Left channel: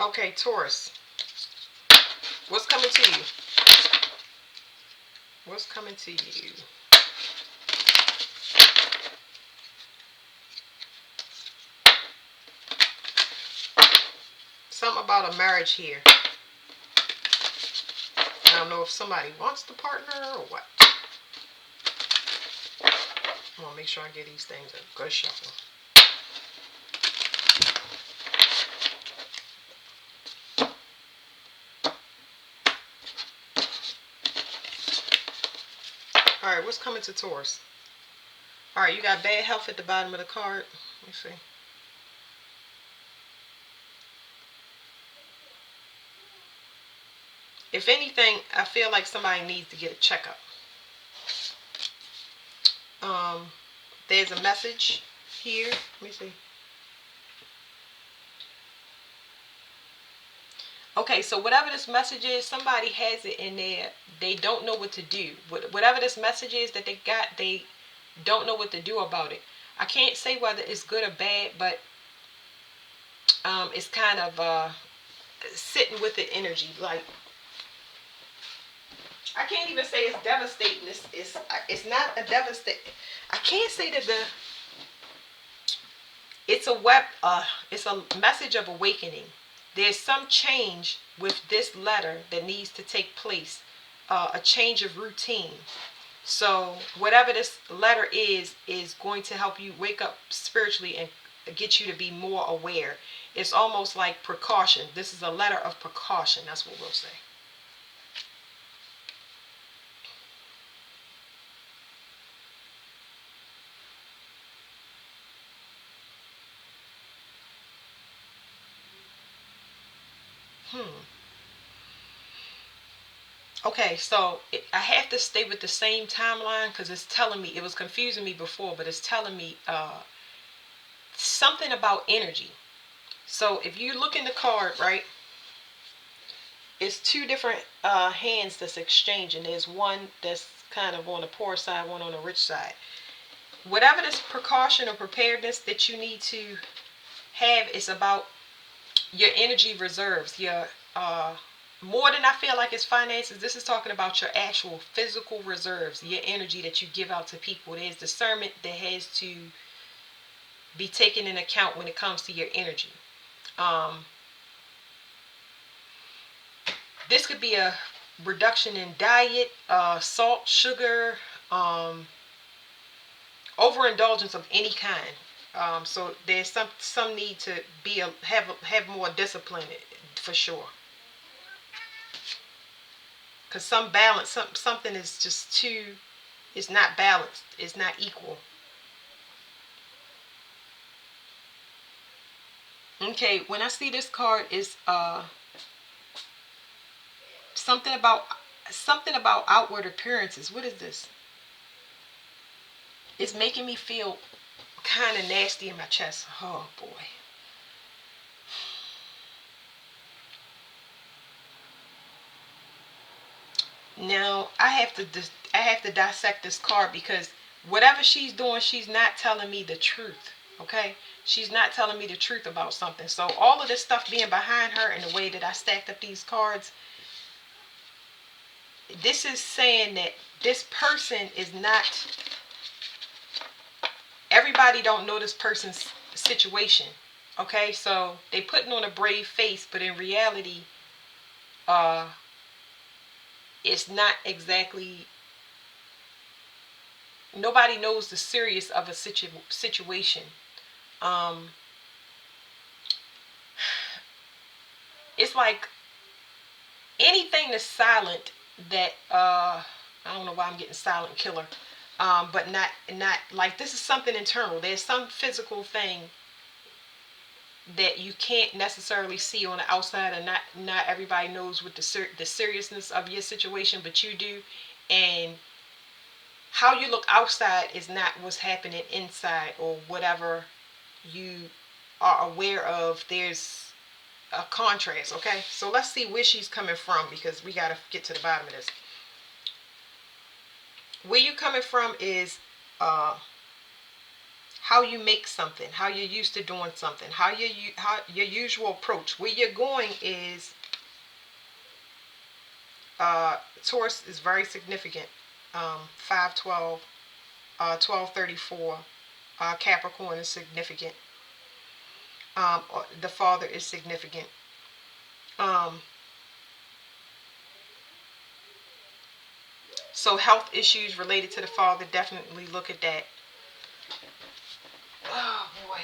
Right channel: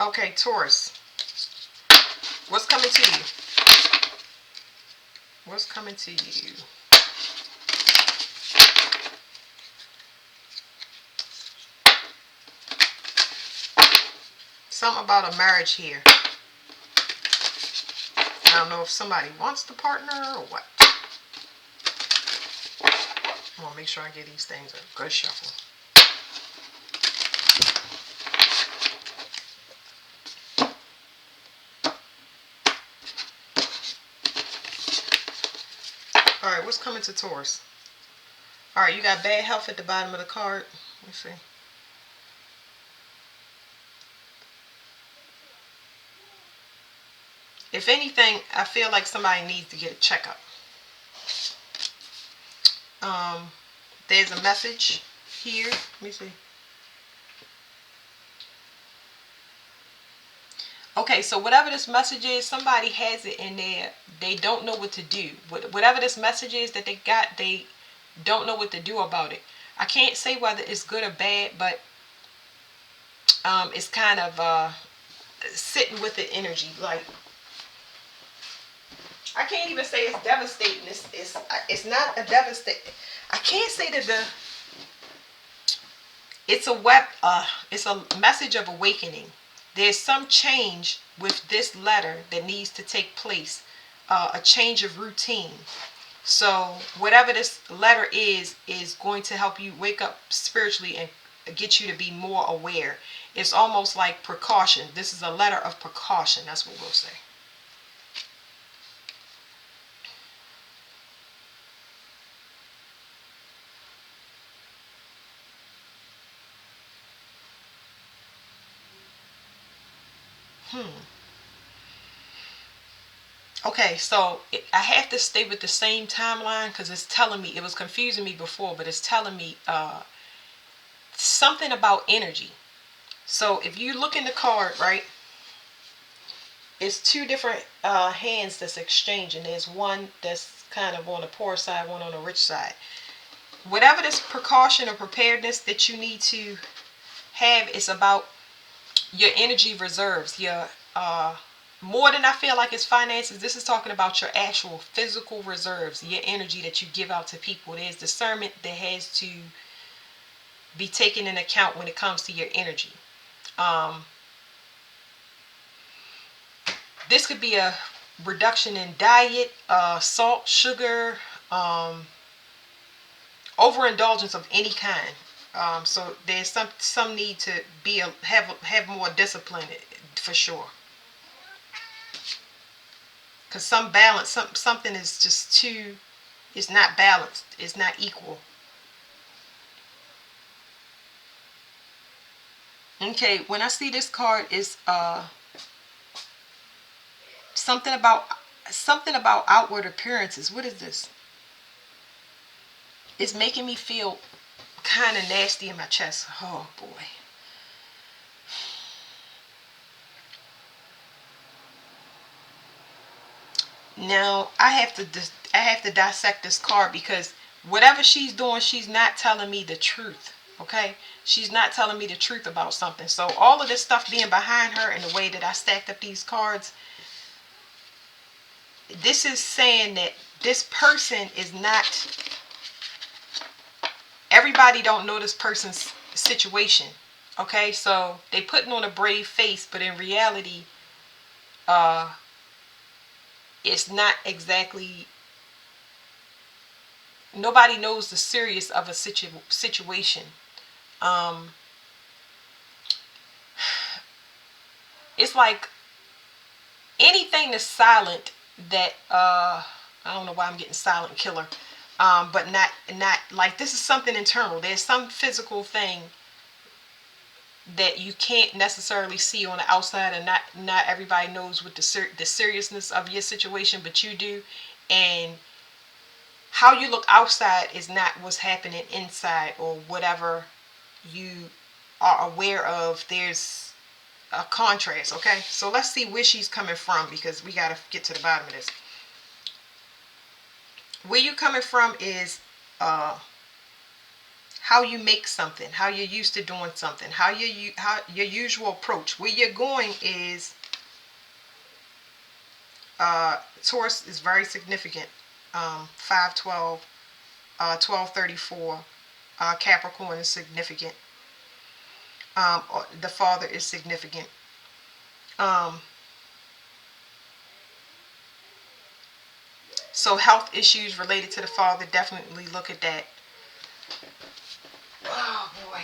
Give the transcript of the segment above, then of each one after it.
Okay, Taurus. What's coming to you? What's coming to you? Something about a marriage here. I don't know if somebody wants the partner or what. I want to make sure I give these things a good shuffle. Alright, what's coming to Taurus? Alright, you got bad health at the bottom of the card. Let's see. If anything, I feel like somebody needs to get a checkup. Um, there's a message here. Let me see. Okay, so whatever this message is, somebody has it in there. They don't know what to do. Whatever this message is that they got, they don't know what to do about it. I can't say whether it's good or bad, but it's kind of sitting with the energy. Like, I can't even say it's devastating. It's not a devastate. I can't say that it's a message of awakening. There's some change with this letter that needs to take place, a change of routine. So whatever this letter is going to help you wake up spiritually and get you to be more aware. It's almost like precaution. This is a letter of precaution. That's what we'll say. Hmm. Okay, so I have to stay with the same timeline because it's telling me, it was confusing me before, but it's telling me something about energy. So if you look in the card, right, it's two different hands that's exchanging. There's one that's kind of on the poor side, one on the rich side. Whatever this precaution or preparedness that you need to have is about your energy reserves, your more than I feel like it's finances. This is talking about your actual physical reserves, your energy that you give out to people. There's discernment that has to be taken in account when it comes to your energy. Um, this could be a reduction in diet, salt, sugar, um, overindulgence of any kind. So there's some need to be have more discipline for sure. Because some balance, something is just too, it's not balanced, it's not equal. Okay, when I see this card, is something about outward appearances. What is this? It's making me feel kind of nasty in my chest. Oh boy. Now I have to dissect this card because whatever she's doing, she's not telling me the truth. Okay, she's not telling me the truth about something. So all of this stuff being behind her and the way that I stacked up these cards, this is saying that this person is not, everybody don't know this person's situation. Okay, so they putting on a brave face, but in reality, uh it's not exactly, nobody knows the serious of a situation. um it's like anything that's silent, that I don't know why I'm getting silent killer. But not like, this is something internal. There's some physical thing that you can't necessarily see on the outside, and not everybody knows what the seriousness of your situation, but you do. And how you look outside is not what's happening inside, or whatever you are aware of. There's a contrast. Okay, so let's see where she's coming from, because we got to get to the bottom of this. Where you coming from is uh how you make something, how you're used to doing something, how your usual approach. Where you're going is Taurus is very significant. 512, 1234. Capricorn is significant. The father is significant. Um, so health issues related to the father, definitely look at that. Oh boy.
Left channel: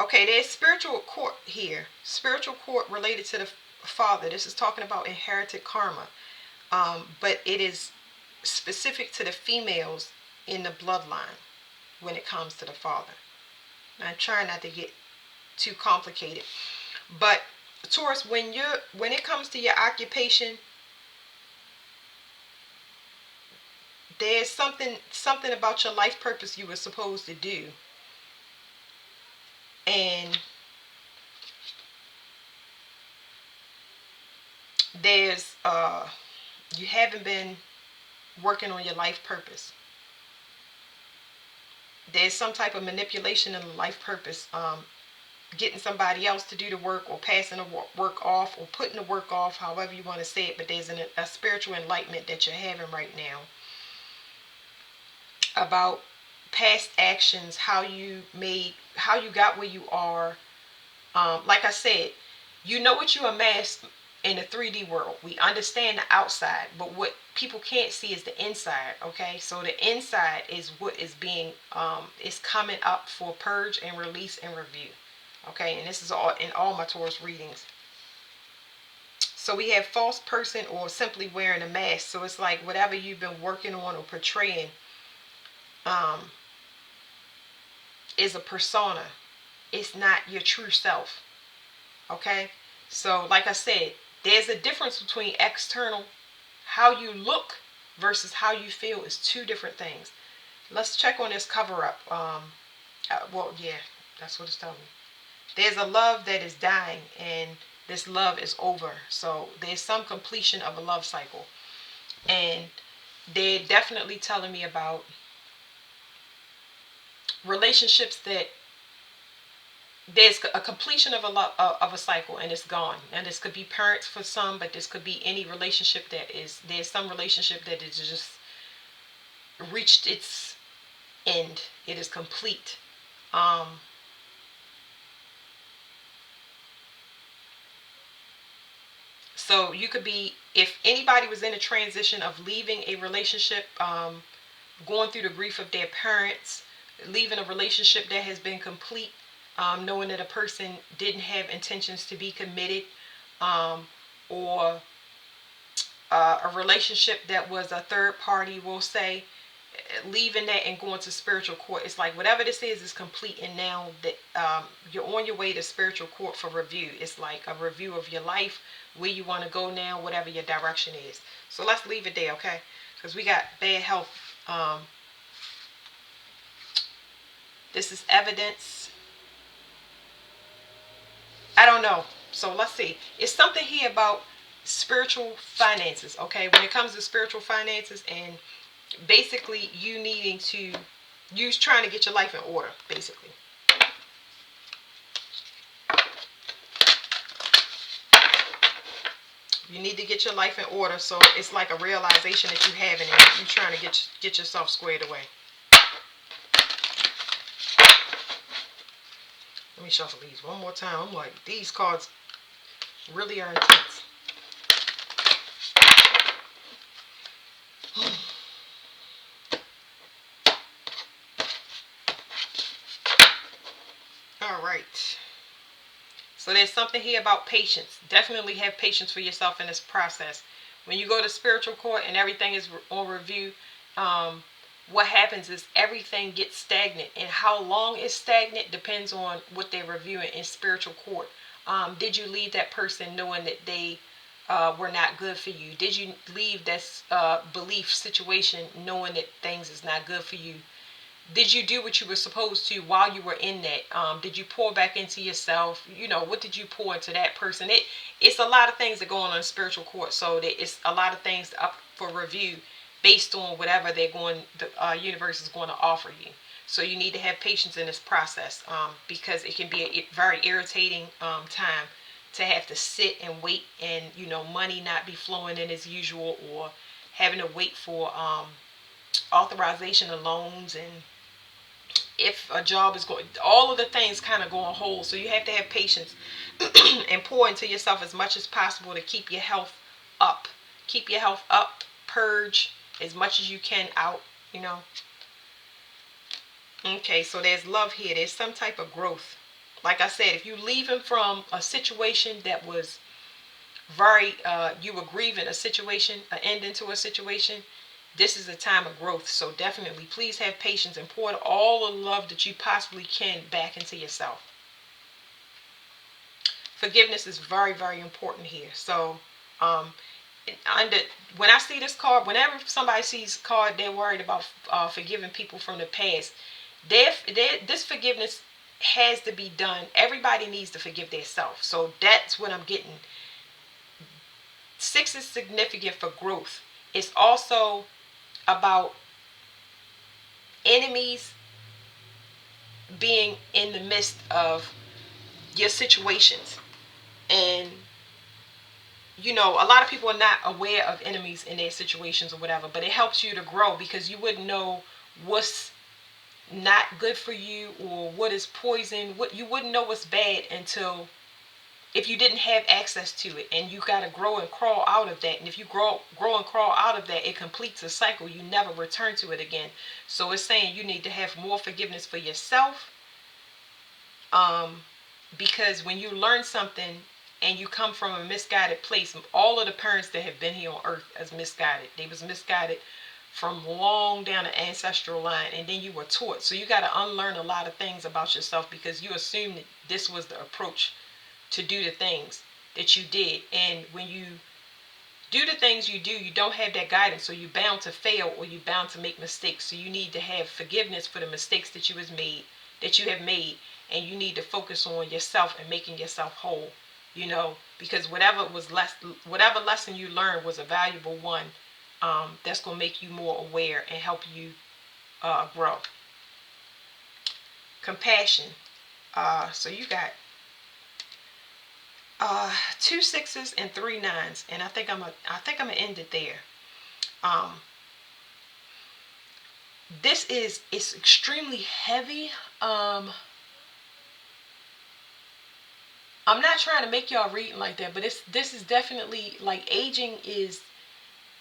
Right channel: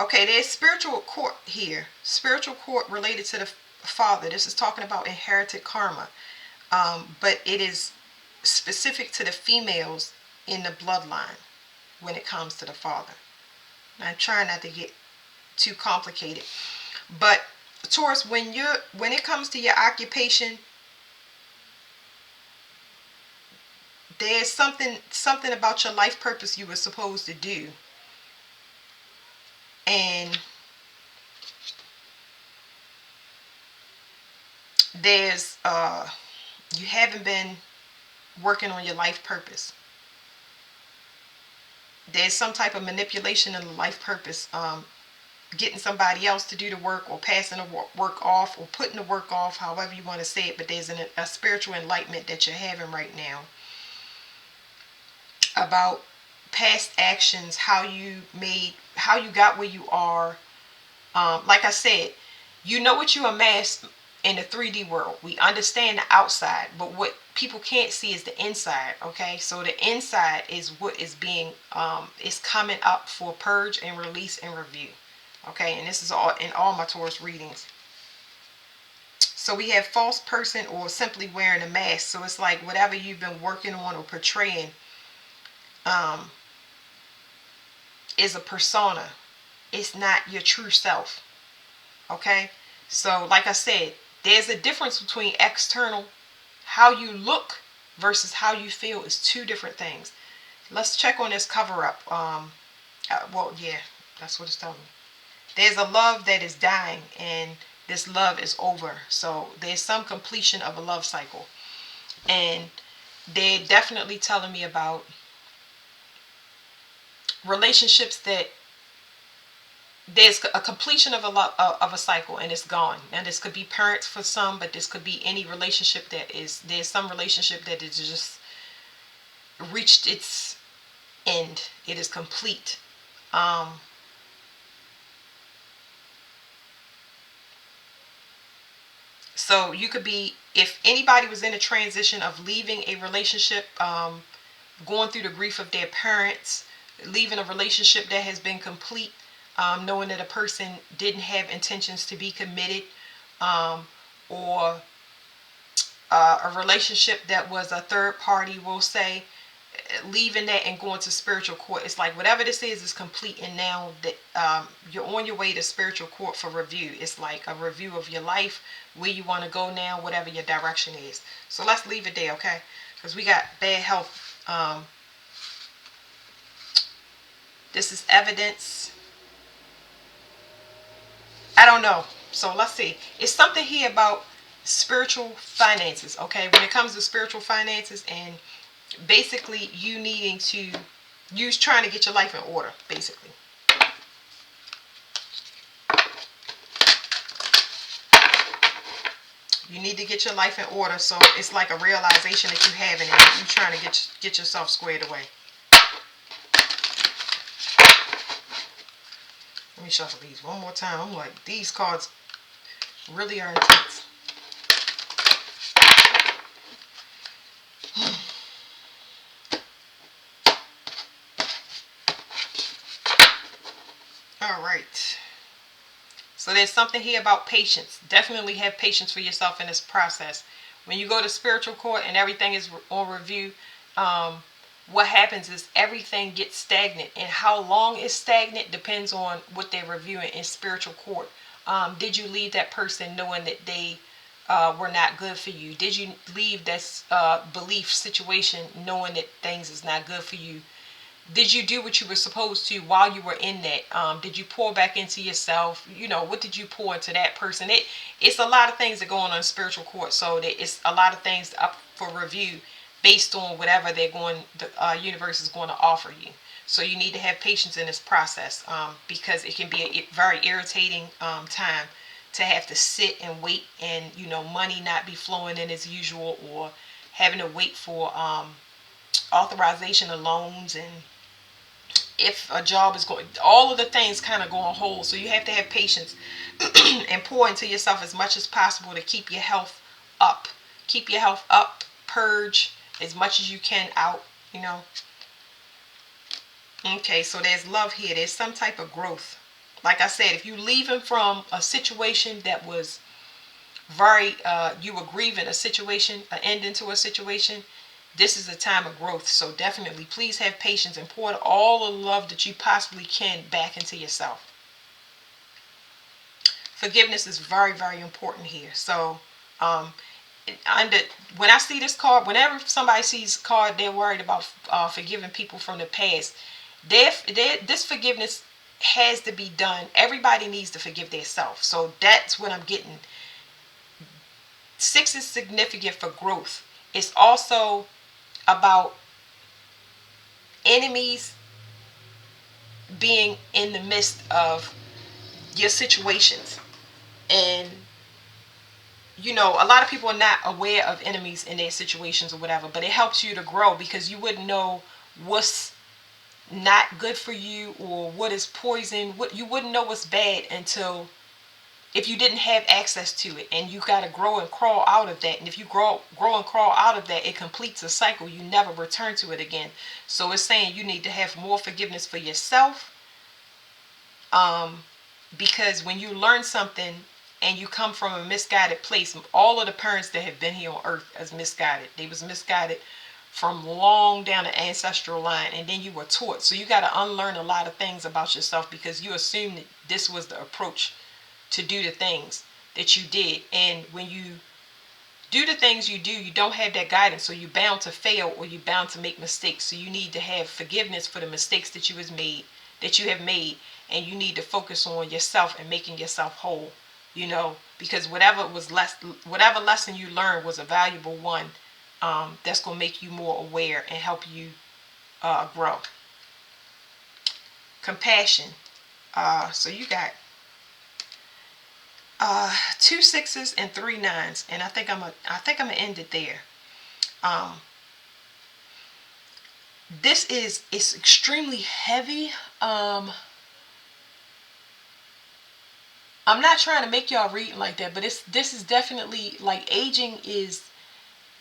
Okay, there's spiritual court here. Spiritual court related to the father. This is talking about inherited karma. But it is specific to the females in the bloodline when it comes to the father. I'm trying not to get too complicated. But Taurus, when it comes to your occupation, there's something about your life purpose you were supposed to do. And there's you haven't been working on your life purpose. There's some type of manipulation in the life purpose, getting somebody else to do the work, or passing the work off, or putting the work off, however you want to say it. But there's a spiritual enlightenment that you're having right now about past actions, how you got where you are. Like I said, you know what you amassed in the 3D world. We understand the outside, but what people can't see is the inside. Okay, so the inside is what is being is coming up for purge and release and review. Okay, and this is all in all my Taurus readings. So we have false person, or simply wearing a mask. So it's like whatever you've been working on or portraying is a persona. It's not your true self. Okay, so like I said, there's a difference between external, how you look, versus how you feel is two different things. Let's check on this cover up. Well, yeah, that's what it's telling me. There's a love that is dying, and this love is over. So there's some completion of a love cycle. And they're definitely telling me about relationships that there's a completion of a cycle, and it's gone. And this could be parents for some, but this could be any relationship there's some relationship that is just reached its end. It is complete. So you could be, if anybody was in a transition of leaving a relationship, going through the grief of their parents, leaving a relationship that has been complete, knowing that a person didn't have intentions to be committed, or a relationship that was a third party, we'll say, leaving that and going to spiritual court. It's like whatever this is complete, and now that you're on your way to spiritual court for review. It's like a review of your life, where you want to go now, whatever your direction is. So let's leave it there, okay? Because we got bad health. This is evidence. I don't know. So let's see. It's something here about spiritual finances, okay? When it comes to spiritual finances, and basically you needing to trying to get your life in order, basically. You need to get your life in order. So it's like a realization that you have, and you're trying to get yourself squared away. Let me shuffle these one more time. I'm like, these cards really are intense. All right. So there's something here about patience. Definitely have patience for yourself in this process. When you go to spiritual court and everything is on review, what happens is everything gets stagnant. And how long it's stagnant depends on what they're reviewing in spiritual court. Did you leave that person knowing that they were not good for you? Did you leave that belief situation knowing that things is not good for you? Did you do what you were supposed to while you were in that? Did you pour back into yourself? What did you pour into that person? It's a lot of things that go on in spiritual court, so that it's a lot of things up for review based on whatever the universe is going to offer you. So you need to have patience in this process, because it can be a very irritating time to have to sit and wait, and money not be flowing in as usual, or having to wait for authorization of loans, and if a job is going, all of the things kind of go on hold. So you have to have patience and pour into yourself as much as possible to keep your health up. Keep your health up. Purge as much as you can out, Okay, so there's love here. There's some type of growth. Like I said, if you leaving from a situation that was very, you were grieving a situation, an ending to a situation, this is a time of growth. So definitely, please have patience and pour all the love that you possibly can back into yourself. Forgiveness is very, very important here. So, under when I see this card, whenever somebody sees a card, they're worried about forgiving people from the past. This forgiveness has to be done. Everybody needs to forgive themselves. So that's what I'm getting. 6 is significant for growth. It's also about enemies being in the midst of your situations. And a lot of people are not aware of enemies in their situations or whatever, but it helps you to grow, because you wouldn't know what's not good for you or what is poison. What you wouldn't know what's bad until if you didn't have access to it, and you got to grow and crawl out of that. And if you grow and crawl out of that, it completes a cycle. You never return to it again. So it's saying you need to have more forgiveness for yourself, because when you learn something and you come from a misguided place, all of the parents that have been here on earth as misguided, they was misguided from long down the ancestral line, and then you were taught. So you got to unlearn a lot of things about yourself, because you assumed that this was the approach to do the things that you did. And when you do the things you do, you don't have that guidance, so you're bound to fail, or you're bound to make mistakes. So you need to have forgiveness for the mistakes that you have made, and you need to focus on yourself and making yourself whole. Because whatever lesson you learned was a valuable one, that's going to make you more aware and help you grow. Compassion. So you got 2 6s and 3 9s, and I think I'm gonna end it there. It's extremely heavy. I'm not trying to make y'all read like that, but this is definitely like aging is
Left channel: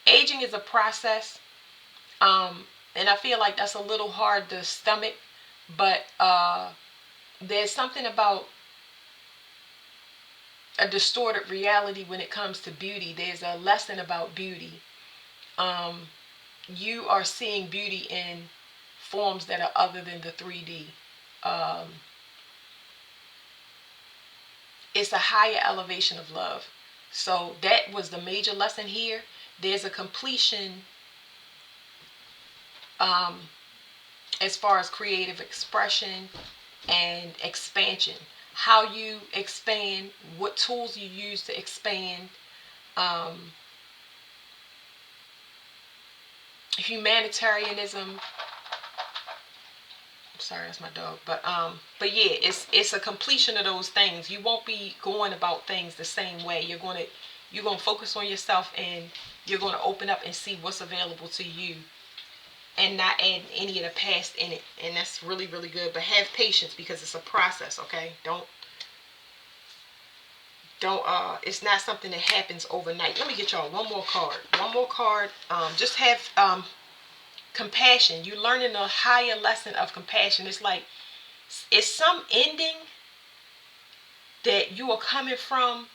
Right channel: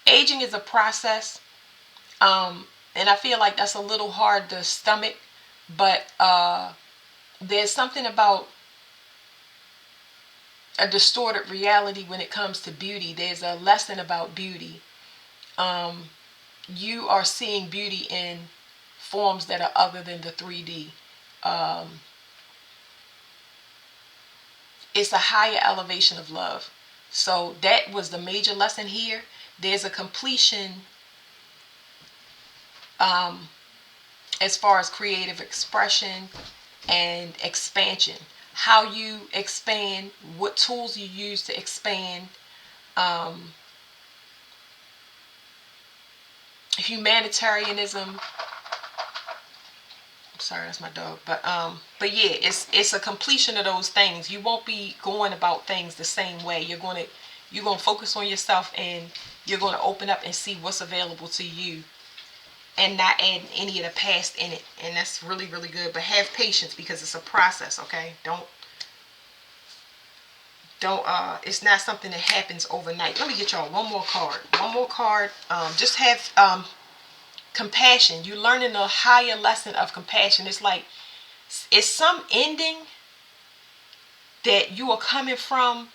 a process. And I feel like that's a little hard to stomach, but there's something about a distorted reality when it comes to beauty. There's a lesson about beauty. You are seeing beauty in forms that are other than the 3D. It's a higher elevation of love. So that was the major lesson here. There's a completion as far as creative expression and expansion. How you expand, what tools you use to expand, humanitarianism. Sorry, that's my dog. But yeah, it's a completion of those things. You won't be going about things the same way. You're gonna focus on yourself, and you're gonna open up and see what's available to you, and not add any of the past in it. And that's really, really good. But have patience, because it's a process. Okay, don't it's not something that happens overnight. Let me get y'all one more card. Just have compassion. You're learning a higher lesson of compassion. It's some ending that you are coming from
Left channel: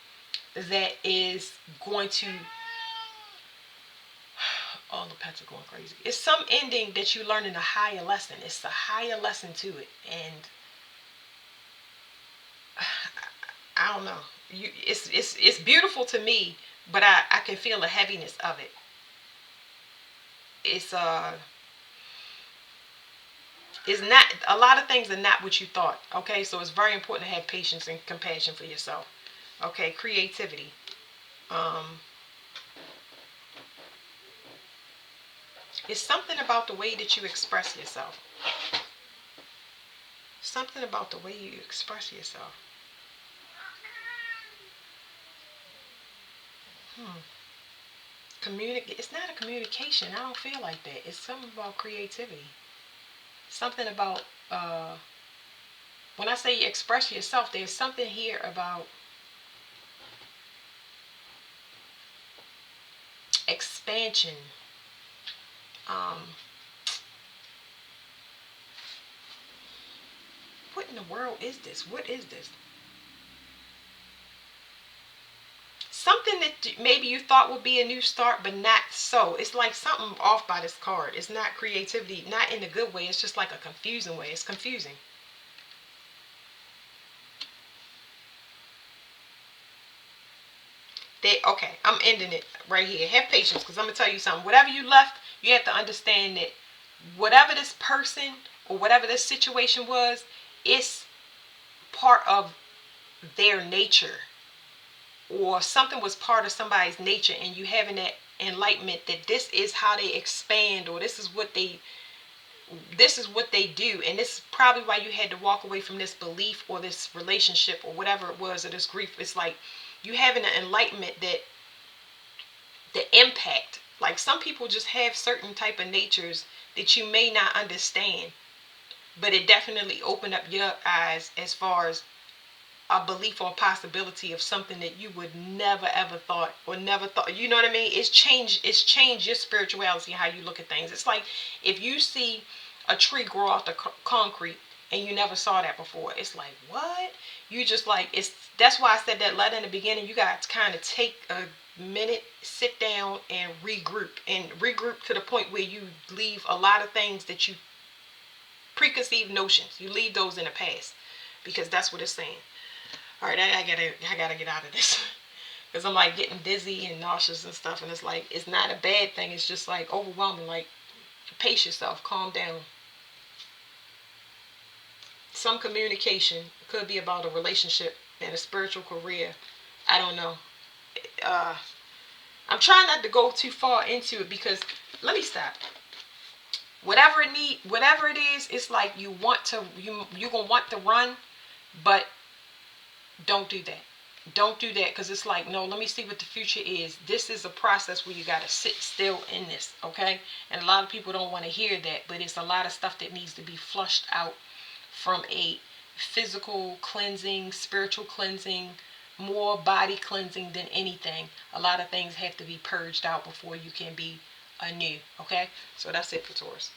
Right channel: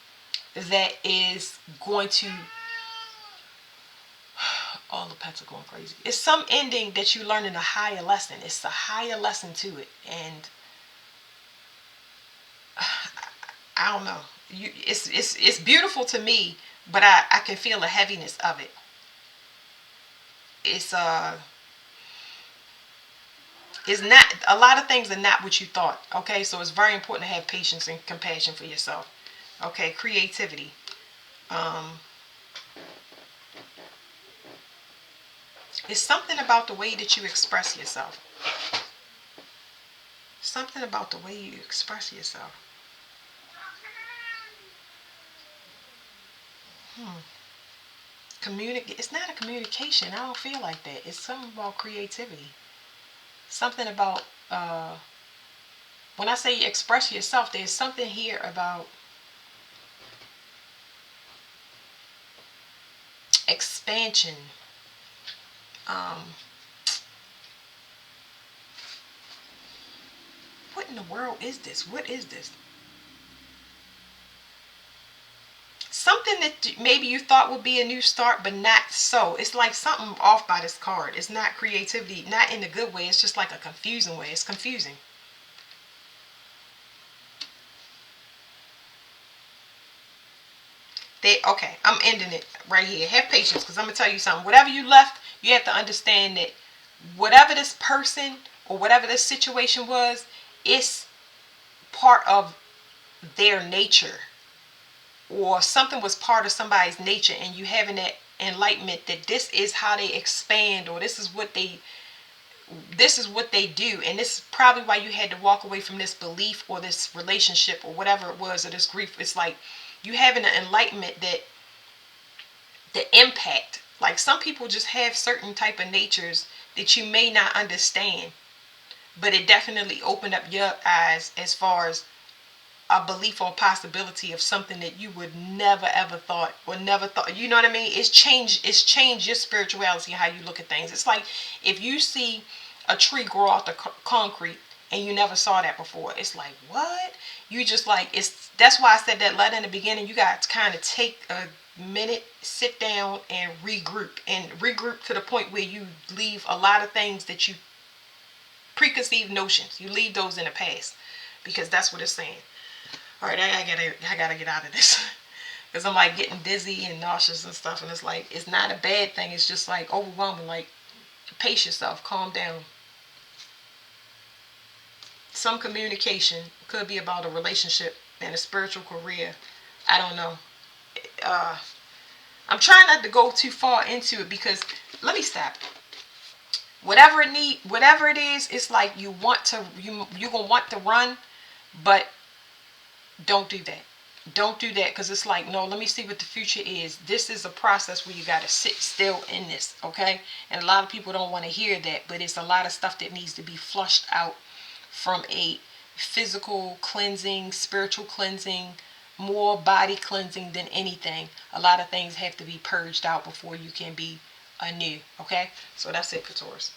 that is going to, all the pets are going crazy. It's some ending that you learn in a higher lesson. It's a higher lesson to it. And I don't know. It's beautiful to me, but I can feel the heaviness of it. It's it's not, a lot of things are not what you thought. Okay, so it's very important to have patience and compassion for yourself. Okay, creativity. Um, it's something about the way that you express yourself. Something about the way you express yourself. Hmm. It's not a communication. I don't feel like that. It's something about creativity. Something about when I say express yourself, there's something here about expansion. Um, what in the world is this? What is this? Something that maybe you thought would be a new start, but not so. It's like something off by this card. It's not creativity, not in a good way. It's just like a confusing way. It's confusing. Okay, I'm ending it right here. Have patience, because I'm gonna tell you something. Whatever you left, you have to understand that whatever this person or whatever this situation was, it's part of their nature, or something was part of somebody's nature, and you having that enlightenment that this is how they expand, or this is what they do, and this is probably why you had to walk away from this belief or this relationship or whatever it was, or this grief. It's like you having an enlightenment that the impact, like some people just have certain type of natures that you may not understand, but it definitely opened up your eyes as far as a belief or a possibility of something that you would never ever thought, or never thought, you know what I mean? It's changed your spirituality, how you look at things. It's like if you see a tree grow off the concrete and you never saw that before, it's like, what? You just like, it's, that's why I said that letter in the beginning. You got to kind of take a minute, sit down and regroup to the point where you leave a lot of things that you preconceived notions, you leave those in the past, because that's what it's saying. All right, I gotta get out of this because I'm like getting dizzy and nauseous and stuff, and it's like it's not a bad thing. It's just like overwhelming. Like, pace yourself, calm down. Some communication could be about a relationship and a spiritual career. I don't know. Uh, I'm trying not to go too far into it because let me stop. Whatever it is, it's like you want to, you gonna want to run, but don't do that. Don't do that, because it's like, no, let me see what the future is. This is a process where you got to sit still in this, okay? And a lot of people don't want to hear that, but it's a lot of stuff that needs to be flushed out from a physical cleansing, spiritual cleansing, more body cleansing than anything. A lot of things have to be purged out before you can be anew, okay? So that's it for Taurus.